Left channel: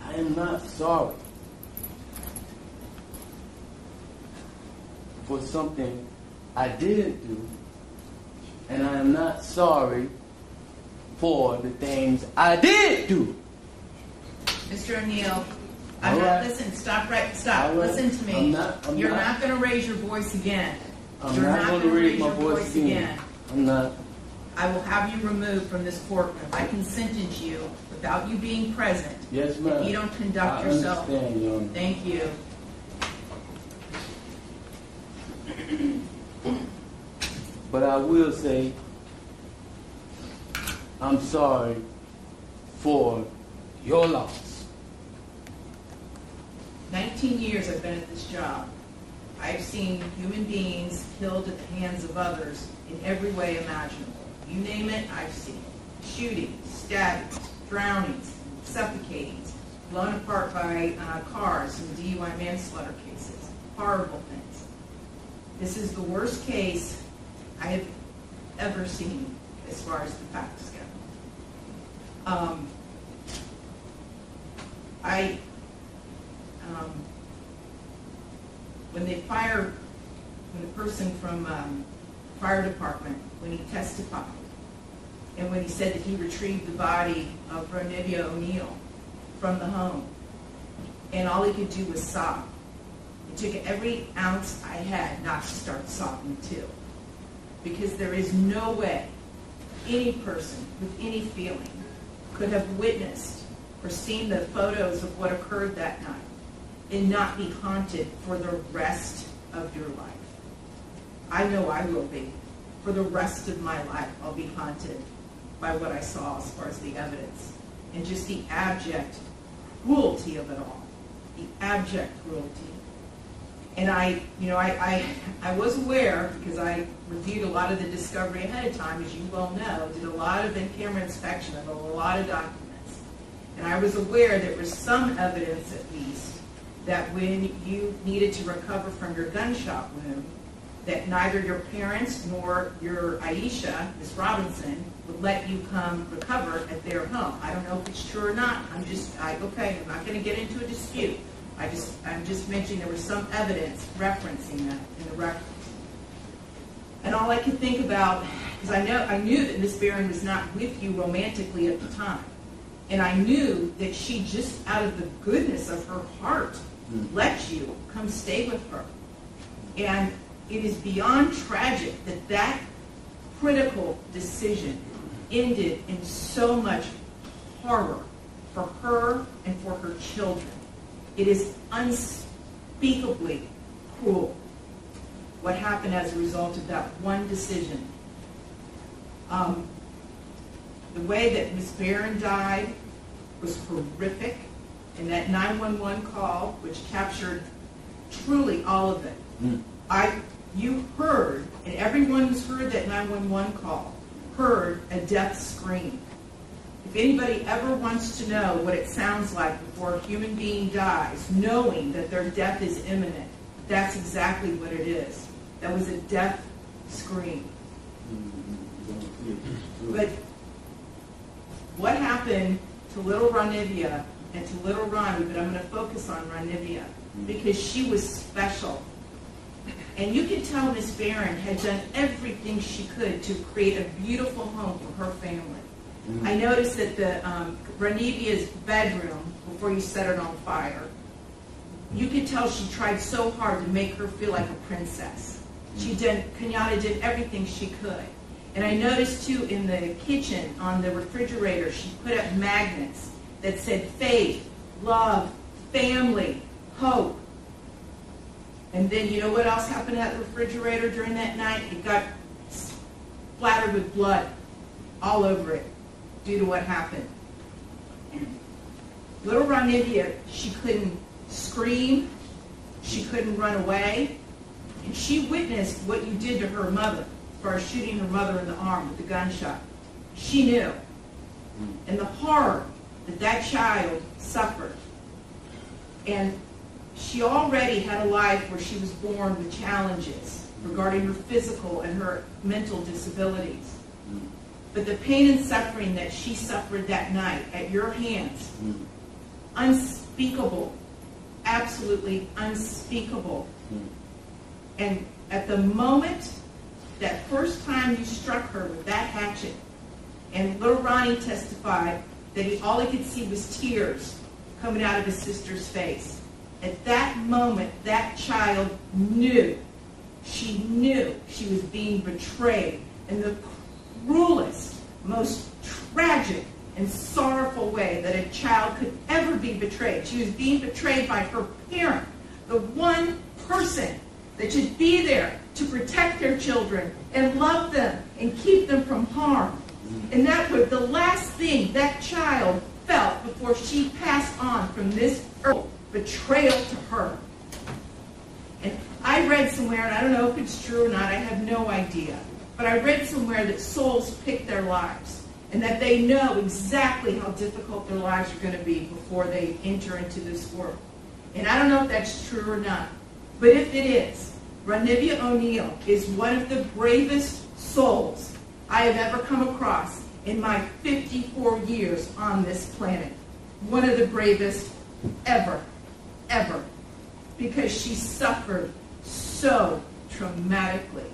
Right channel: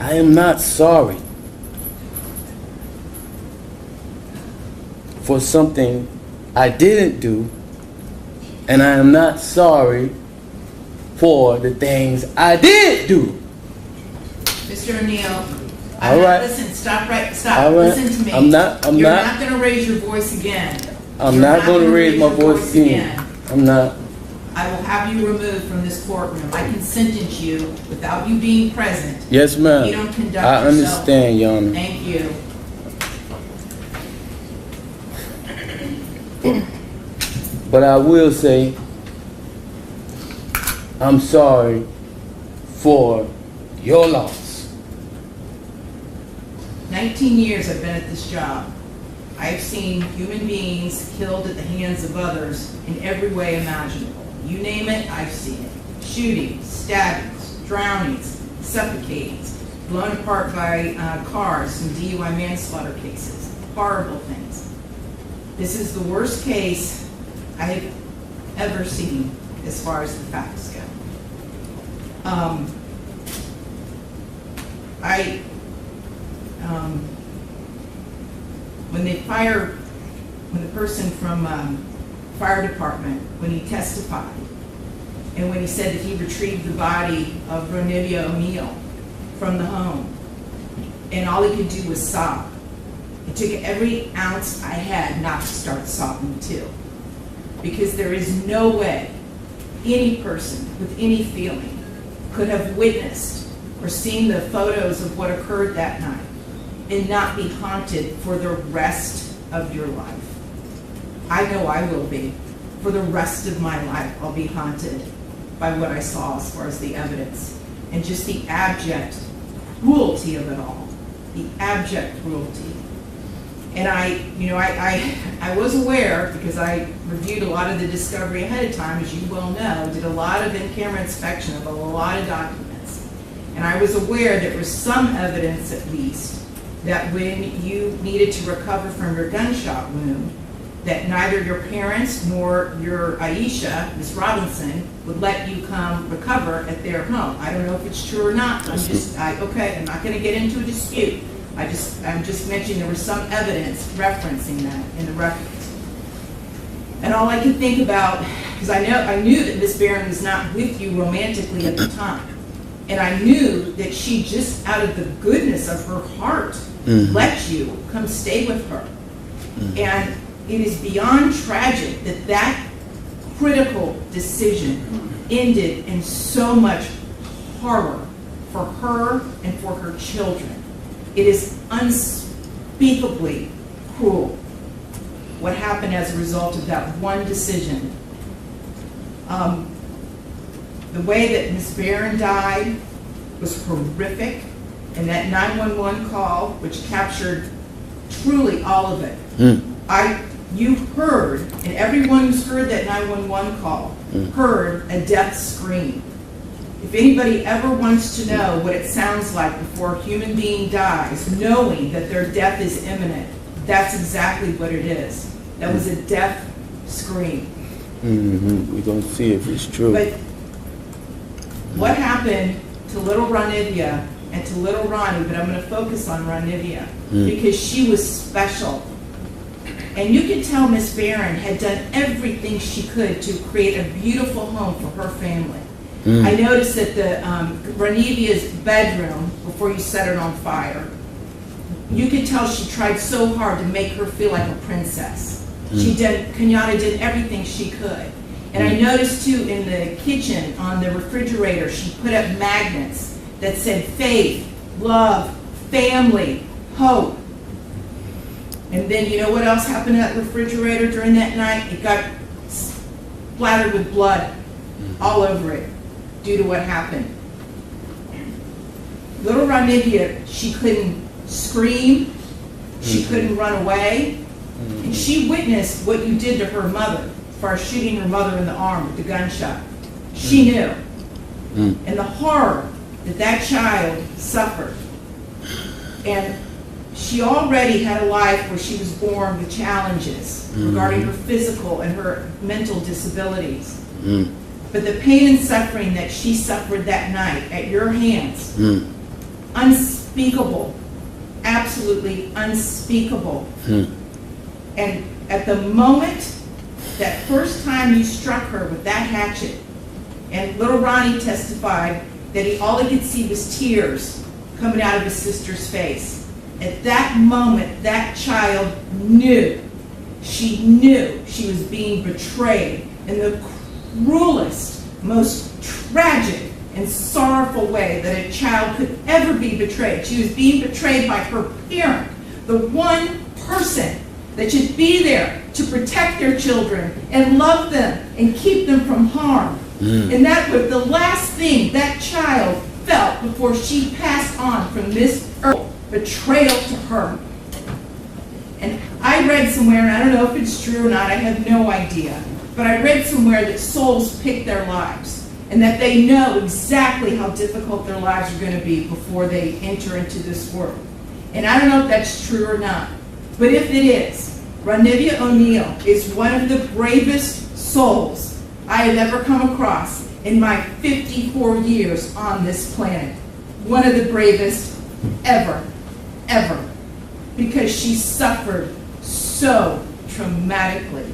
I am not sorry for something I didn't do, and I am not sorry for the things I did do. Mr. O'Neill, All right. listen, stop, All right. listen to me. I'm not going to raise your voice again. I'm not going to raise my voice again. I'm not. I will have you removed from this courtroom. I can sentence you without you being present. Yes, ma'am. You don't conduct I yourself. understand, Your Honor. Thank you. But I will say, I'm sorry for your loss. 19 years I've been at this job. I've seen human beings killed at the hands of others in every way imaginable. You name it, I've seen it. Shootings, stabbings, drownings, suffocatings, blown apart by cars in DUI manslaughter cases. Horrible things. This is the worst case I have ever seen as far as the facts go. When the person from fire department, when he testified, and when he said that he retrieved the body of Ronivia O'Neill from the home, and all he could do was sob. It took every ounce I had not to start sobbing too. Because there is no way any person with any feeling could have witnessed or seen the photos of what occurred that night and not be haunted for the rest of your life. I know I will be. For the rest of my life, I'll be haunted by what I saw as far as the evidence and just the abject cruelty of it all. The abject cruelty. And I was aware, because I reviewed a lot of the discovery ahead of time, as you well know, did a lot of in-camera inspection of a lot of documents. And I was aware there was some evidence, at least, that when you needed to recover from your gunshot wound, that neither your parents nor your Aisha, Ms. Robinson, would let you come recover at their home. I don't know if it's true or not. I'm not going to get into a dispute. I'm just mentioning there was some evidence referencing that in the records. And all I could think about, because I knew that Miss Barron was not with you romantically at the time. And I knew that she just out of the goodness of her heart let you come stay with her. And it is beyond tragic that that critical decision ended in so much horror for her and for her children. It is unspeakably cruel what happened as a result of that one decision. The way that Ms. Barron died was horrific, and that 911 call, which captured truly all of it. You heard, and everyone who's heard that 911 call heard a death scream. If anybody ever wants to know what it sounds like before a human being dies, knowing that their death is imminent, that's exactly what it is. That was a death scream. We're going to see if it's true. But what happened to little Ronivia and to little Ronnie, but I'm going to focus on Ronivia, because she was special. And you could tell Miss Barron had done everything she could to create a beautiful home for her family. I noticed that the Ronivia's bedroom, before you set it on fire, you could tell she tried so hard to make her feel like a princess. Kenyatta did everything she could. And I noticed too in the kitchen, on the refrigerator, she put up magnets that said faith, love, family, hope. And then you know what else happened to that refrigerator during that night? It got splattered with blood all over it due to what happened. Little Ronivia, she couldn't scream, she couldn't run away, and she witnessed what you did to her mother as far as shooting her mother in the arm with the gunshot. She knew. And the horror that that child suffered. And she already had a life where she was born with challenges regarding her physical and her mental disabilities. But the pain and suffering that she suffered that night at your hands unspeakable, absolutely unspeakable. And at the moment, that first time you struck her with that hatchet, and little Ronnie testified that all he could see was tears coming out of his sister's face. At that moment, that child knew, she knew she was being betrayed in the cruelest, most tragic and sorrowful way that a child could ever be betrayed. She was being betrayed by her parent, the one person that should be there to protect their children and love them and keep them from harm. And that was the last thing that child felt before she passed on from this earth, betrayal to her. And I read somewhere, and I don't know if it's true or not, I have no idea, but I read somewhere that souls pick their lives, and that they know exactly how difficult their lives are going to be before they enter into this world. And I don't know if that's true or not, but if it is, Ronivia O'Neal is one of the bravest souls I have ever come across in my 54 years on this planet. One of the bravest ever, ever. Because she suffered so traumatically